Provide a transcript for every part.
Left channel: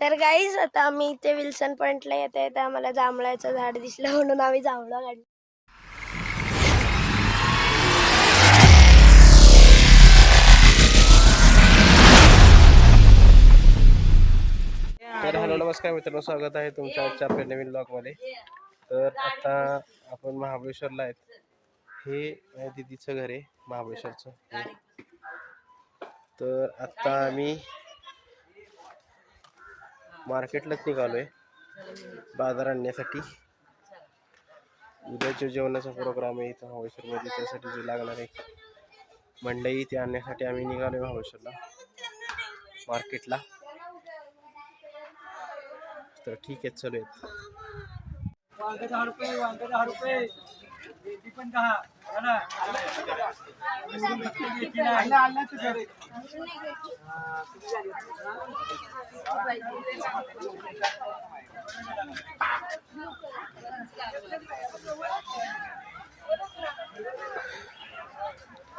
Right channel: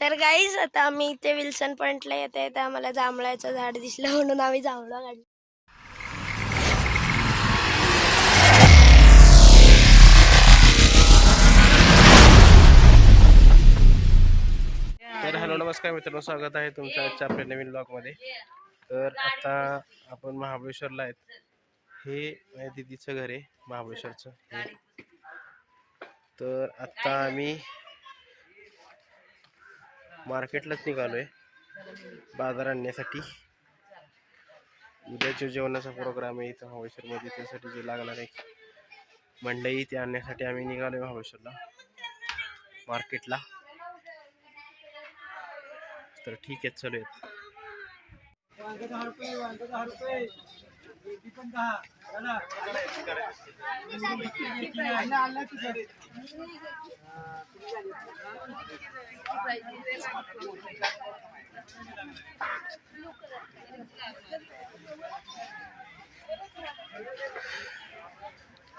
तर गाईज आता आम्ही इथे विल्सन पॉइंटला येते तर आम्हाला जांभळाचं झाड दिसलं म्हणून आम्ही जांभळा काढलं. तर हॅलो नमस्कार मित्रांनो, स्वागत आहे तुमच्या आजच्या आपल्या नवीन ब्लॉगमध्ये. तर आता आपण महाबळेश्वरला आहेत. हे माझ्या दिदीचं घर आहे महाबळेश्वरचं. तर आता आम्ही मार्केटलाच निघालोय बाजार आणण्यासाठी. उद्याच्या जेवणाचा प्रोग्राम आहे इथं महाबळेश्वरमध्ये, त्यासाठी जे लागणार आहे मंडई ते आणण्यासाठी आम्ही निघालोय महाबळेश्वरला मार्केटला. तर ठीक आहे, चलूयात.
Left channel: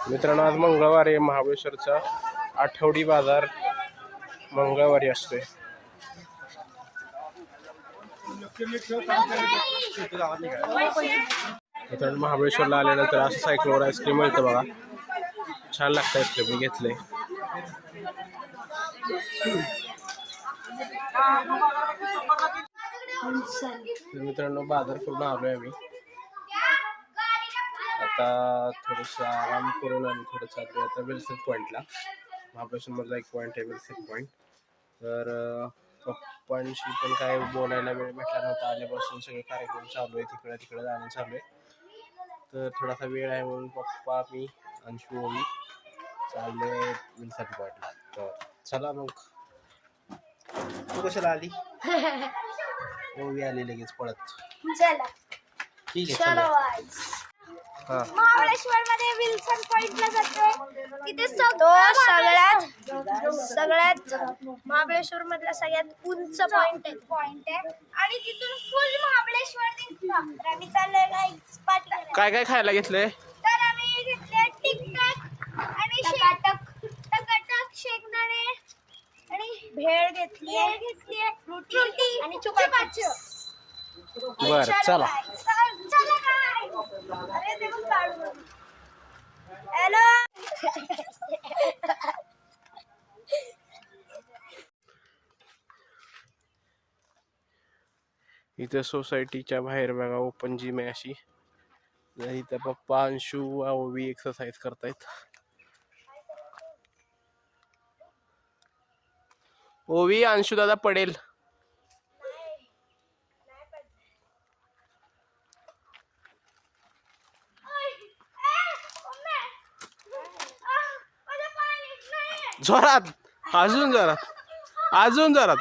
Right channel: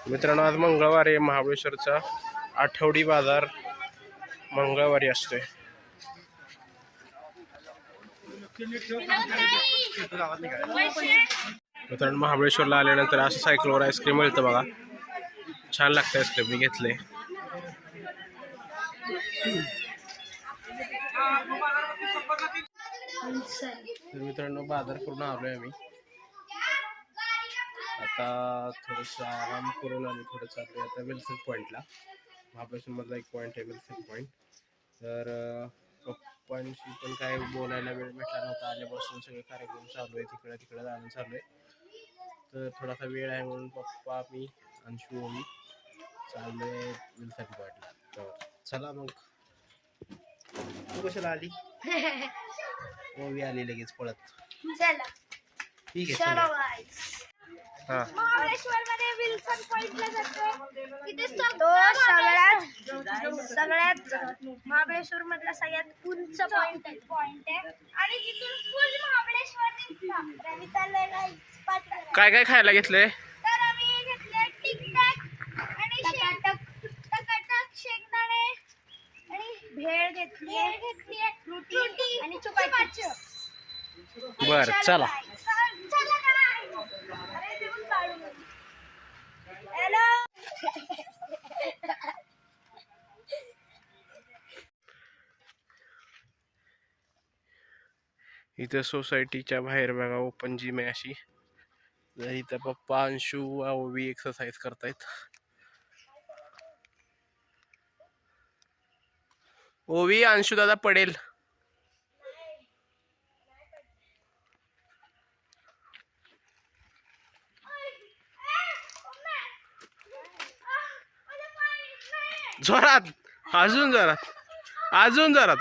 मित्रांनो, आज मंगळवार आहे. महाबळेश्वरचा आठवडी बाजार मंगळवारी असतोय. मित्रांनो, महाबळेश्वरला आल्यानंतर असं सायकलवर आईस्क्रीम मिळतं बघा, छान लागतं आईस्क्रीम. मी घेतले. मित्रांनो, बाजार करून आलोय आम्ही. आता थोडंसं आराम करून आम्ही थोडं चाललोय आता विल्सन पॉईंटला. महाबळेश्वरमधला एक पॉईंट आहे विल्सन पॉईंट. तर पप्पांशी पण काय बोलायला वेळ भेटला नव्हता. आल्यापासून सगळे कार्यक्रम चालू आहे, तिकडे तिकडे जाणं चालू आहे. तर थोडासा वेळ आहे म्हणून पप्पा, मी, अंशू, ओवी चालले विल्सन पॉईंटला. तर चला मग. तू कशाला आली? ओवी आली लगेच पळत. ठीक आहे, चला. महाबळेश्वर मध्ये विल्सन पॉइंटला जातोय. तिथे सगळ्यात महाबळेश्वर मधला सगळ्यात उंच पॉइंट आहे आणि तिथून फुल महाबळेश्वर दिसतं. आम्ही चाललोय गाईस पाटला. काय काय खायला घेतलंय? तर आम्ही घेतले टिकटॅक आणि टकाटक शेंगदाणे आणि भेळ घेतली फ्रुटी आणि चुपाची. बरं, चला. हॅलो. इथं सोसायटीच्या बाहेर बघा ओपन जिम आहे अशी. इथं पप्पा, अंशू, ओवी एक्सरसाइज करतायत. ओवी, अंशू दादा पडेल. जोरात, अजून जोरात, अजून जोरात.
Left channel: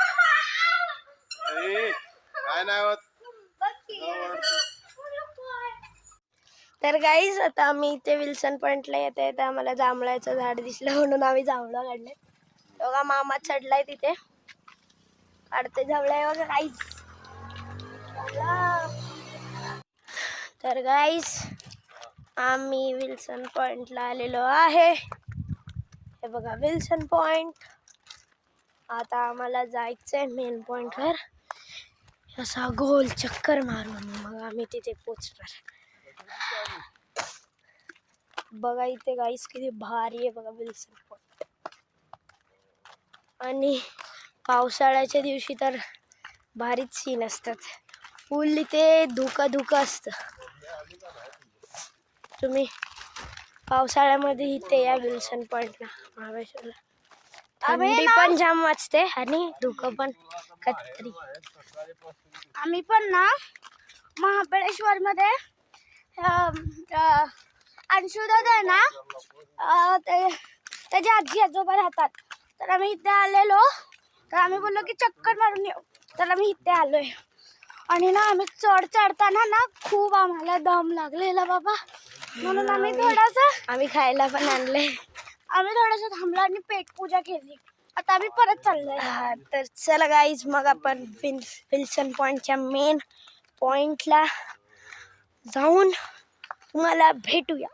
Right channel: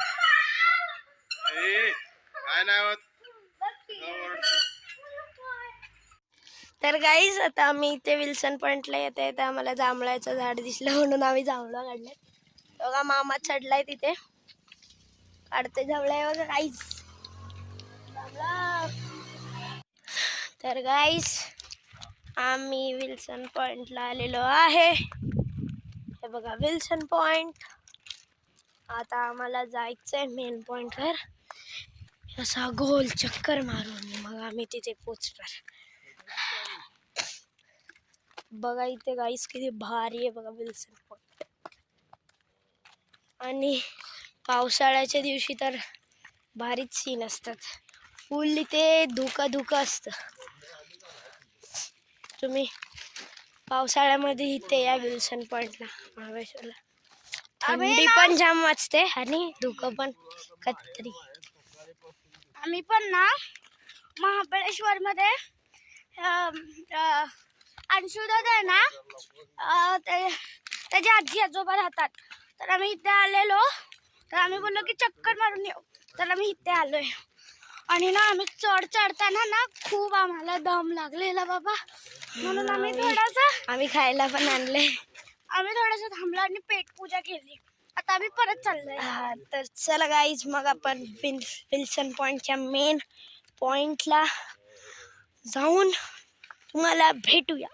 काय नाही होत. तर गाईज आता आम्ही इथे विल्सन पॉइंटला येते तर आम्हाला जांभळाचं झाड दिसलं म्हणून आम्ही जांभळा काढले. बघा मामा चढलाय तिथे, काढते जांभळा बघा गाईज. तर गाईज आम्ही विल्सन पॉइंटला आलेलो आहे. हे बघा विल्सन पॉइंट. आता आम्हाला जायचंय मेन पॉइंटवर. असा गोल चक्कर मारून मग आम्ही तिथे पोचणार. बघा इथे गाईस किती भारी आहे बघा विल्सन पॉइंट. आणि पावसाळ्याच्या दिवशी तर भारीच सीन असतात. फुल इथे धुका असतं. तुम्ही पावसाळ्यामध्ये इथे या विल्सन पॉइंटला महाबळेश्वरला. थंडी पण जाम वाजते आणि धुकं पण कधी. आम्ही पण ना महाबळेश्वर मध्ये अंशुदादा आहे ना, त्याचे आजी आजोबा राहतात. तर आम्ही इथे आलेलो. तर आम्ही बोललो की चक्कर मारून येऊ. तर आम्ही इथे आलोय. आणि ना आम्ही चढताना ना खूप आम्हाला दम लागलेला बाबा, म्हणून आम्ही खायला पण आणले. आम्ही थोडंसं थांबलो आणि पेटपूजा केली. आता आम्ही परत चाललोय. तर चला गाईज मग आपण विल्सन पॉइंटच्या मेन पॉइंटला जाऊन तुम्हाला भेटूया.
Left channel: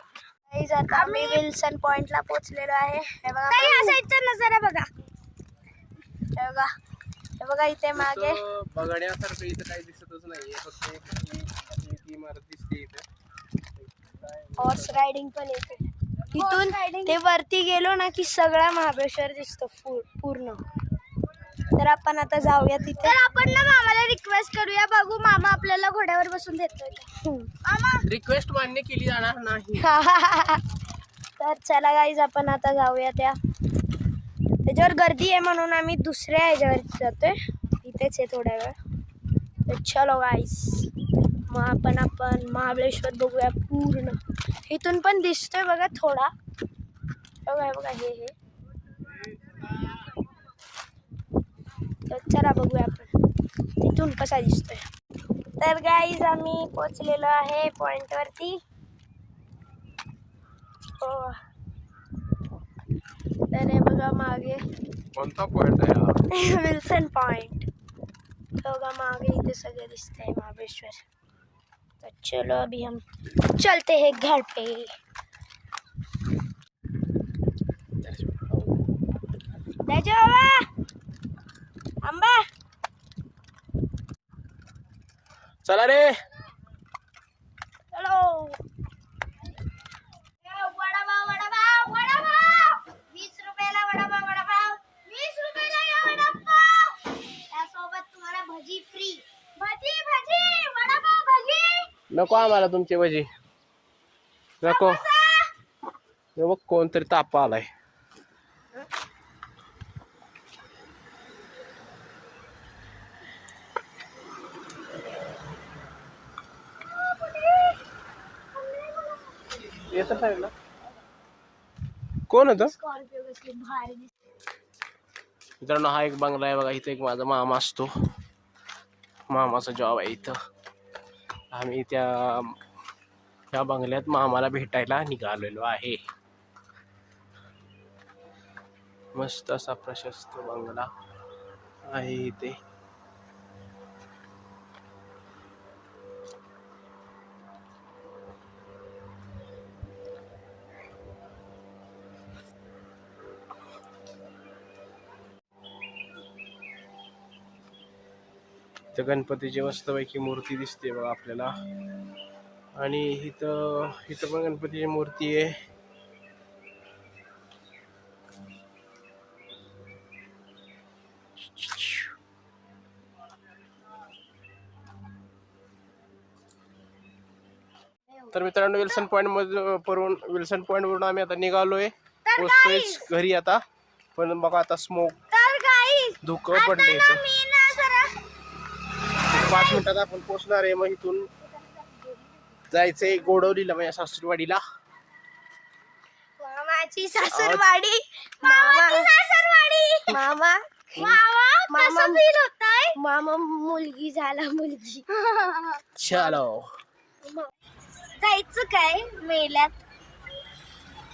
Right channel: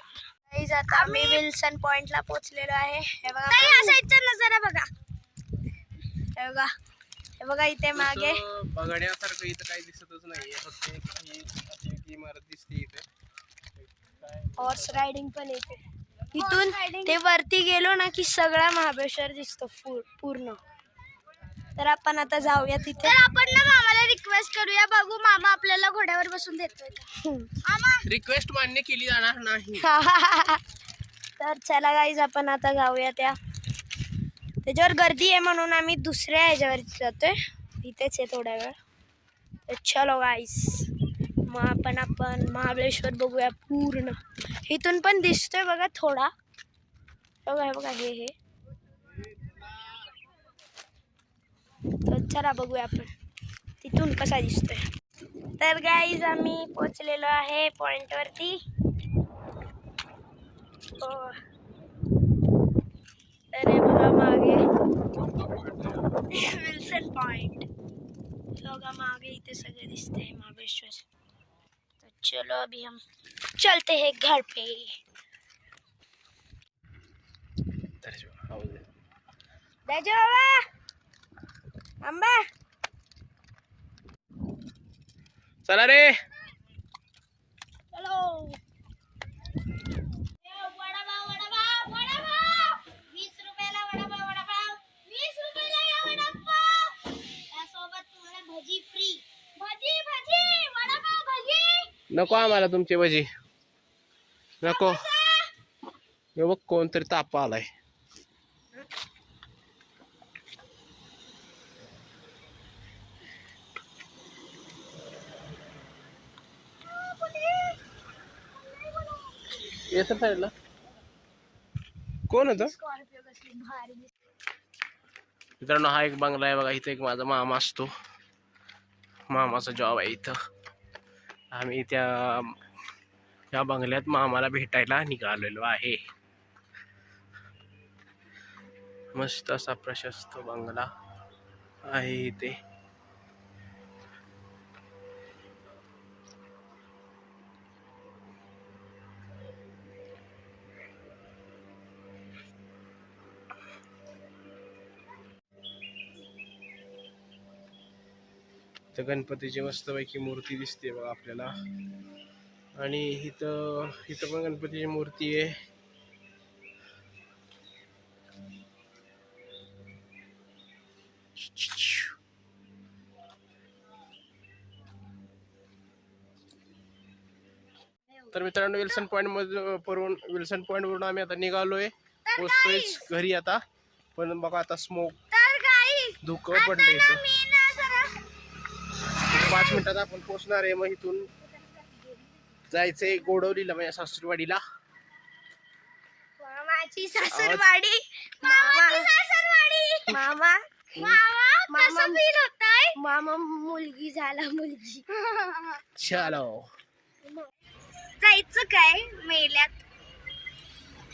गाईज आता आम्ही विल्सन पॉइंटला पोहोचलेलो आहे. हे बघा नजारा बघा. हे हे बघा इथे मागे तसं बघण्यासारखं इथं काही दिसतच नाहीये, फक्त एक इमारत दिसते इथं. हॉर्स रायडिंग पण येते इथून. ते वरती गेलो ना की सगळा महाबळेश्वर दिसतो पूर्ण. तर आपण आता जाऊया तिथे. तर आपण ना मामाला रिक्वेस्ट करूया, बघू मामा आपल्याला घोड्यावर बसून देतोय. मामा रिक्वेस्ट मान्य केली जाणार नाही. तर चला गाईज आपण आता जाऊया. त्याच्यावर गर्दी आहे म्हणून आम्ही दुसऱ्या ह्याच्यावरती जातोय. इथेच आहे थोड्या वेळ. तर चलो गाईज, मग आपण महाबळेश्वर बघूया पूर्ण. इथून पण दिसतोय बघा थोडा. बघा बघा हे. तर चला बघूया आपण तिथून कसा दिसतोय. तर गाईज आम्ही पोचलेलो आहे पॉइंटवरती. तर हे बघा मागे कोणता पॉइंट आहे? Wilson point. बघा मागे इथे सगळं दिसतंय महाबळेश्वर. तो चलो अभी हम चलते हैं घर पे. बाबा आंबा चला रे. चलो. वडापाव 20 रुपयाला वडापाव. 20 रुपयाला वडापाव. त्यासोबत तुम्हाला भजी फ्री. भजी वडापाव भजी. नको आम्हाला तुमची भजी नको. हे बघ कोणतरी ताप आलाय. कोण होतं? स्कॉर्पिओ कसली भारी दिसते. मित्रांनो हा एक बंगला आहे बघा. इथे एक माझा मामा असतो. मामाचा जॉब आहे इथं. आम्ही त्या बंगल्यात मामाला भेटायला निघालेलो आहे. मस्त असा प्रशस्त बंगला आहे इथे. इथं गणपतीची मस्तपैकी मूर्ती दिसते बघा आपल्याला. आणि इथं पण गणपतीची मूर्ती आहे. तर मित्रांनो विल्सन पॉइंट वरून आम्ही आता निघालोय. पोहोचतोय घरी आता. पण बघा आता स्मोक धुकं पडले इथं. 5 मिनिटात आपण पोहोचणार आहे. मग इथून जायचंय गोडवलीला, माझ्या सासरवाडीला. मामाची सासरवाडी. मामा मुलगी झाला मुलगी. चलो जायचं काय मेल्यात.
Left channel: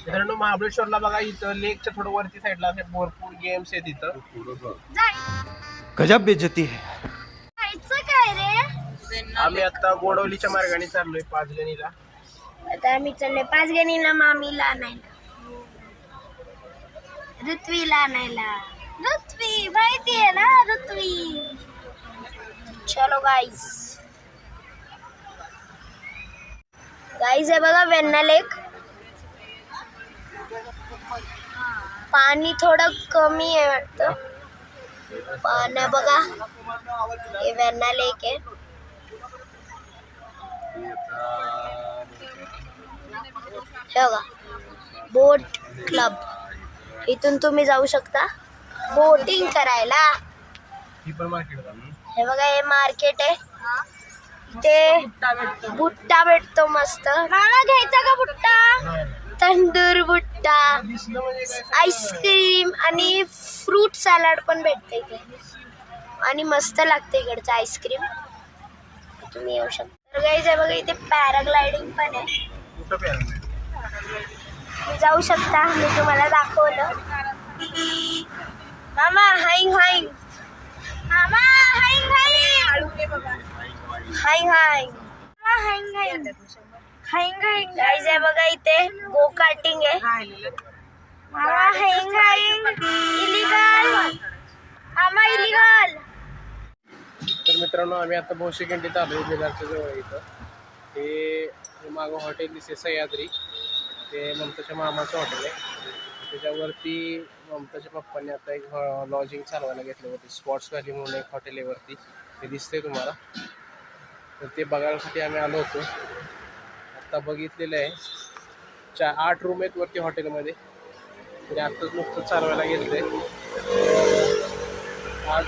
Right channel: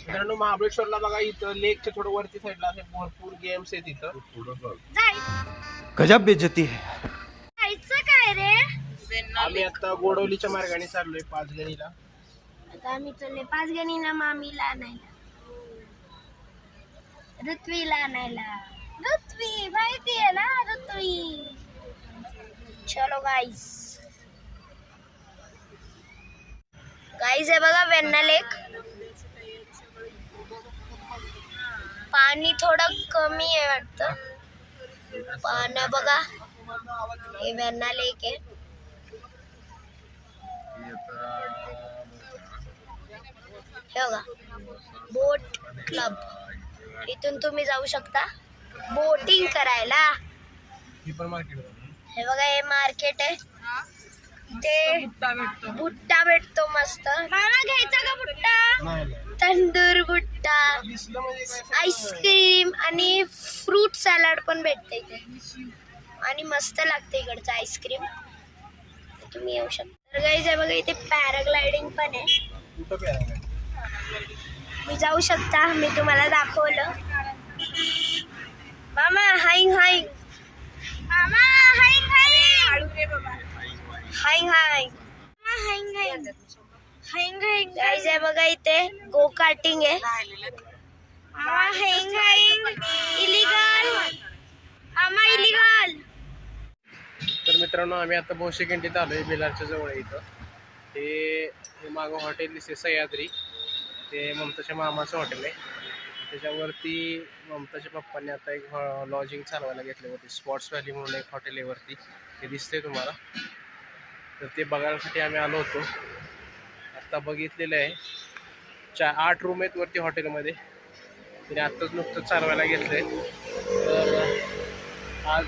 मित्रांनो महाबळेश्वरला बघा इथं लेकच्या थोडं वरती साईडला भरपूर गेम्स आहेत इथं. गजब बेइज्जती है. जायचं काय रे. आम्ही आता गोडवलीच्या मार्गाने चाललोय 5 गणीला. आता आम्ही चाललोय 5 गणीला मामीला आणायला. ऋत्वीला आणायला. ऋत्वी माहितीये ना ऋत्वी. चलो गाईज हे बघा वेण्णा लेक. पाणी थोडं कमी आहे वाटतं. पाणी बघा हे वेण्णा लेक आहे. हे बघा बोट क्लब. इथून तुम्ही जाऊ शकता बोटिंग करायला. हे बघा हे मार्केट आहे. इथे भुट्टा भेटतो मस्त. मामा घ्यायचा का भुट्टा. तंदूर भुट्टा, आईस्क्रीम आणि फ्रूट सॅलड पण भेटते इथे. आणि मस्त लागते इकडचं आईस्क्रीम. तुम्ही येऊ शकता. तर गाईज हे बघा इथे पॅराग्लायडिंग पण आहे. कुठं पॅराग्लायडिंग? तुम्ही जाऊ शकता. मी तुम्हाला दाखवलं. मामा हाईंग हाईंग. मामा हाईंग हाईंग. हाईंग हाईंग. हाईंग हाईंग. हाईंग हाईंग. गाईज आहे बघा इथे गो कार्टिंग आहे. मामा हाईंग हाईंग. इलिगल. मामा इलिगल. मित्रांनो आम्ही आता भोशीखंडीत आलो मिलारच्या जवळ इथं. ते मागं हॉटेल दिसते सह्याद्री, ते ममताच्या मामाचं हॉटेल आहे. त्याच्यावरती ममताच्या पप्पांनी आता एक लॉजिंग चालवायला घेतलं होतं. स्पॉट्स व्हॅली म्हणून एक हॉटेल आहे वरती, ते दिसतंय तुम्हाला. तर ते बघायसाठी आम्ही आलो होतो. आत्ता बघितलेलं आहे 8 रूम आहेत वरती हॉटेलमध्ये. तरी आत्ताच नुकतं चालवायला घेतलं आहे. आज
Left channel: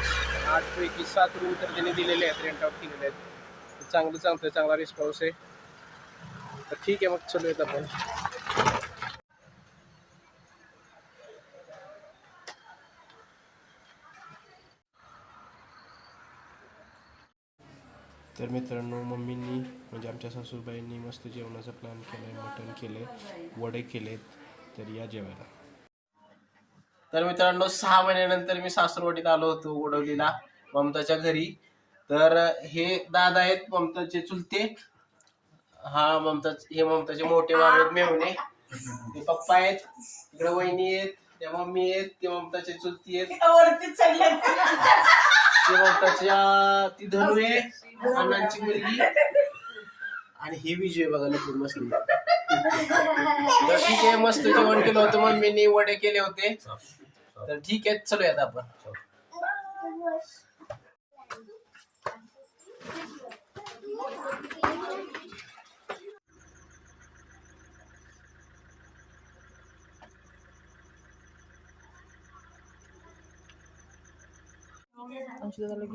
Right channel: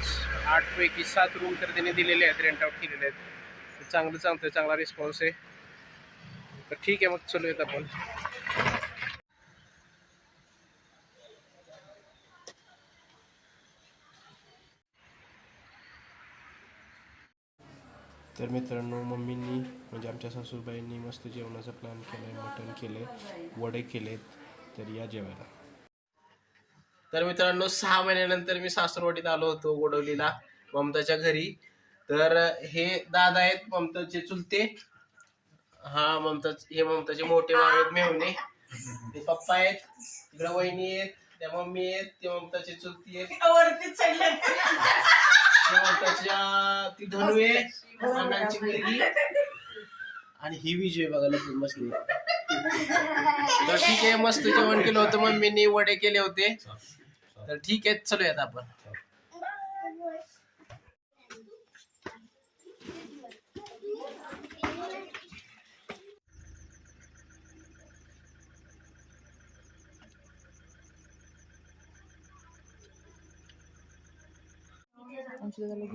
8 पैकी 7 रूम तर त्यांनी दिलेले आहेत, रेंट आउट केलेले आहेत. चांगलं चालतंय, चांगला रिस्पॉन्स आहे. तर ठीक आहे, मग चलूयात आपण. तर मित्रांनो मम्मींनी म्हणजे आमच्या सासूबाईंनी मस्त जेवणाचा प्लॅन केला आहे. मटण केले, वडे केलेत. तर या जेवायला. तर मित्रांनो 6 महिन्यानंतर मी सासरवाडीत आलो होतो गोडवलीला ममताच्या घरी. तर हे दादा आहेत ममताचे चुलते. हे ममताचे मोठे भाऊ आहेत मेहुणे. ते पप्पा आहेत, तिकडे वहिनी आहेत, त्या मम्मी आहेत, ते ममताचे चुलती आहेत, ते ममताच्या ती धनू आहे अण्णांची मुलगी, आणि ही विजय बघायला खूप मस्त. तर ठीक आहे, मस्त जेवण केलं होतं. मम्मीने वडे केले होते. तर ठीक आहे, चलूयात आपण.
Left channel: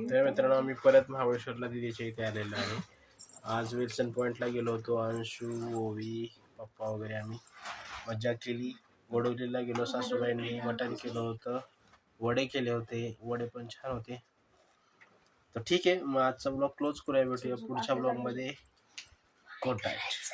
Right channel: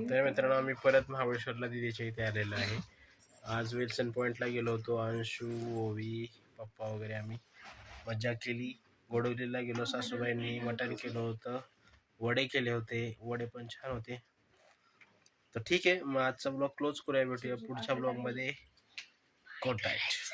तर मित्रांनो आम्ही परत महाबळेश्वरला दिदीच्या इथे आलेलो आहे. आज विल्सन पॉईंटला गेलो होतो. अंशू, ओवी, पप्पा वगैरे आम्ही मजा केली. गोडवलीला गेलो, सासूबाईंनी मटण केलं होतं, वडे केले होते, वडे पण छान होते. तर ठीक आहे, मग आजचा ब्लॉग क्लोज करूया. भेटूया पुढच्या ब्लॉगमध्ये. कॉन्टॅक्ट.